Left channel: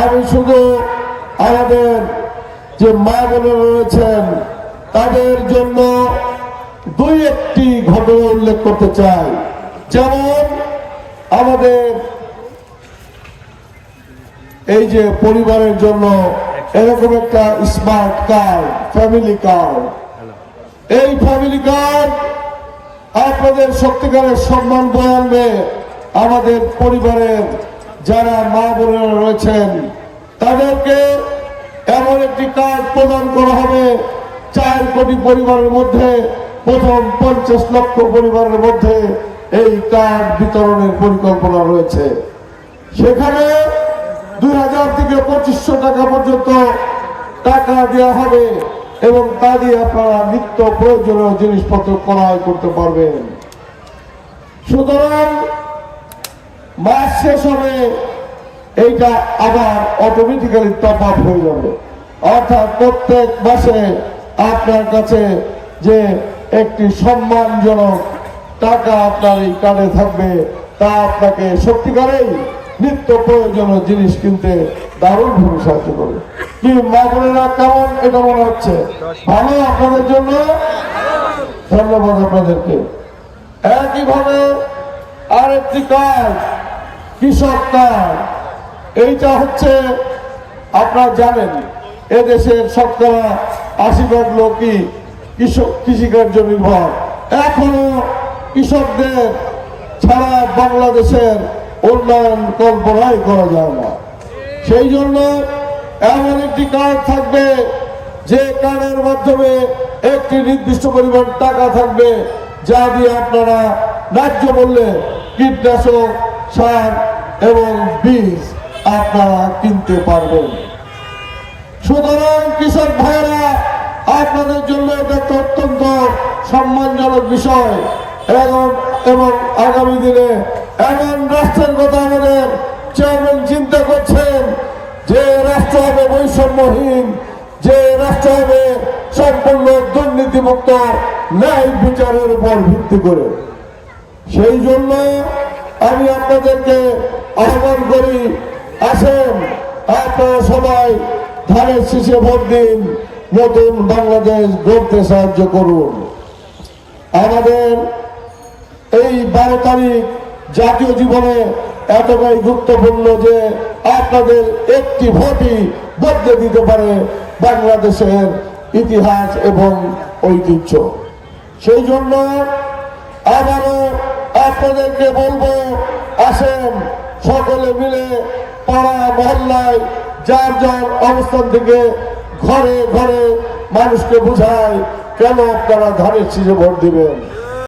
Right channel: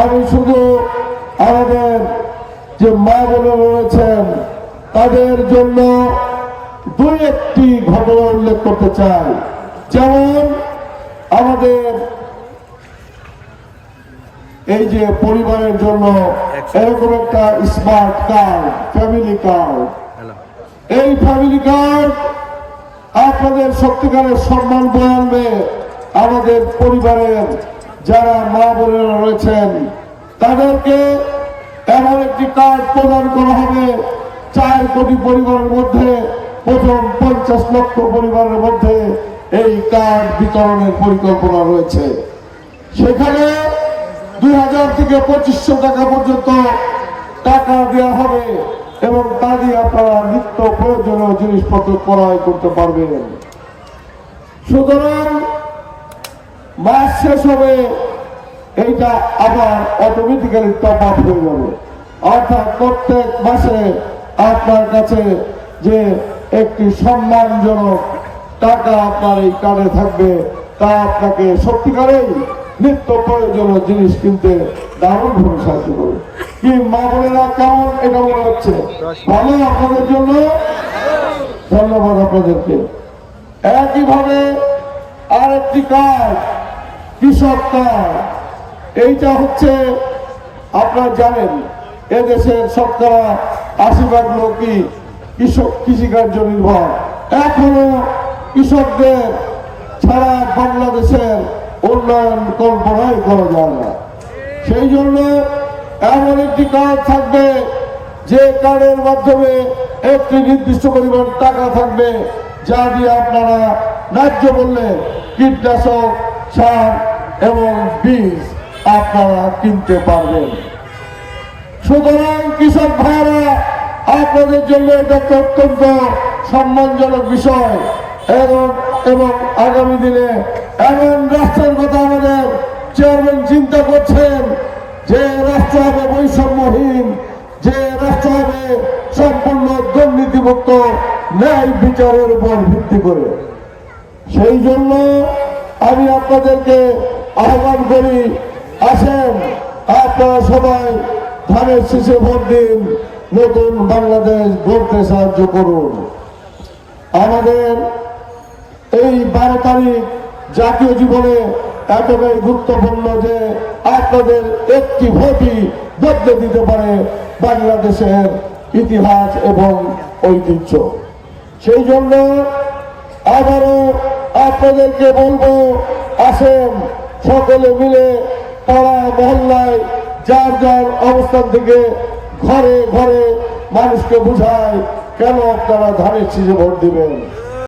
আমি শুধু আমাদের যে মা বোনেরা রয়েছেন, তাদের জন্য দুই একটি ঘটনা উল্লেখ করতে চাই। যেমন আমাদের এই যে পরিবারের জন্য এরকম একটা স্মার্ট কার্ড, ফ্যামিলি কার্ড। এই ফ্যামিলি কার্ড আপনাদের সত্যিকারের সম্মান বয়ে আমাদের পরিবারের যারা মা বোনেরা রয়েছেন, তাদেরকে এমন একটি কার্ড প্রদান করা হবে। চার কোটি পরিবারের মধ্যে, প্রথম পঞ্চাশ লক্ষ পরিবারের মধ্যে এই কার্ড বিতরণের পরিকল্পনা রয়েছে। সেখানে দুই হাজার থেকে পঁচিশশো টাকা পর্যন্ত টাকা দেওয়া হবে এবং তা দিয়ে আপনারা নিত্য প্রয়োজনীয় জিনিসপত্র ক্রয় করতে পারবেন। সুতরাং মাস শেষ হবে, এইটা আবার অটোমেটিক্যালি টপ আপ হয়ে যাবে। অর্থাৎ প্রত্যেক মাসে আপনার কাছে যে একটি সম্মানজনক টাকা আপনার এই কার্ডে থাকবে, তা আপনাকে সত্যিকারেই নিত্য প্রয়োজনীয় জিনিস কিনতে দারুণ ভাবে সাহায্য করবে। কি মা বোনেরা কেমন এটা মনে হচ্ছে? ভালো আপনাদের জন্য? ধন্যবাদ আপনাদেরকে। একইভাবে আরেকটি কাজ কৃষক কার্ড এইটা হচ্ছে আপনারা জানেন, এদেশের শতকরা আশি ভাগ লোকই কৃষক কৃষিকার্য নির্ভর। এখনও কৃষকদের ছাড়া বাংলাদেশের উন্নয়ন কল্পনাই করা যায় না। সেই জন্য এমন একটি কার্ড থাকবে, যে কার্ডের মাধ্যমে একটি নির্দিষ্ট পরিমাণ টাকা থাকবে, যা দিয়ে আপনারা ন্যায্য মূল্যে কীটনাশক সার এবং বীজ আপনারা কিনতে পারবেন। সুতরাং কৃষক ভাইরা আপনাদের জন্য এটা অত্যন্ত সম্মানজনক বিষয় এবং এবং আগামী দিনে এমন রাষ্ট্রের কথা আমাদের চেয়ারম্যান চিন্তা করছেন, যে রাষ্ট্র হবে বৈষম্যহীন, যে রাষ্ট্র হবে সম্পূর্ণ দুর্নীতিমুক্ত, ন্যায় বিচারের উপর ভিত্তি করে। সেই জন্য আমি আপনাদেরকে আহ্বান করি, আসেন, আপনারা সবাই ধানের শীষে ভোট দিন, নতুন বাংলাদেশ গড়তে সাহায্য করুন। আমাদের এই বারো তারিখ জাতীয় জীবনে এতটাই গুরুত্বপূর্ণ যে আপনাদের একটি ভোটই বদলে দিতে পারে বাংলাদেশের ইতিহাস এবং ঐতিহ্য। সেই জন্য আবারও আপনাদেরকে বলব, আসেন সকলে মিলে পাড়া মহল্লায় যার যার অবস্থান থেকে ঘরে ঘরে মানুষকে বুঝায় কেন আপনারা ধানের শীষে ভোট দিবেন।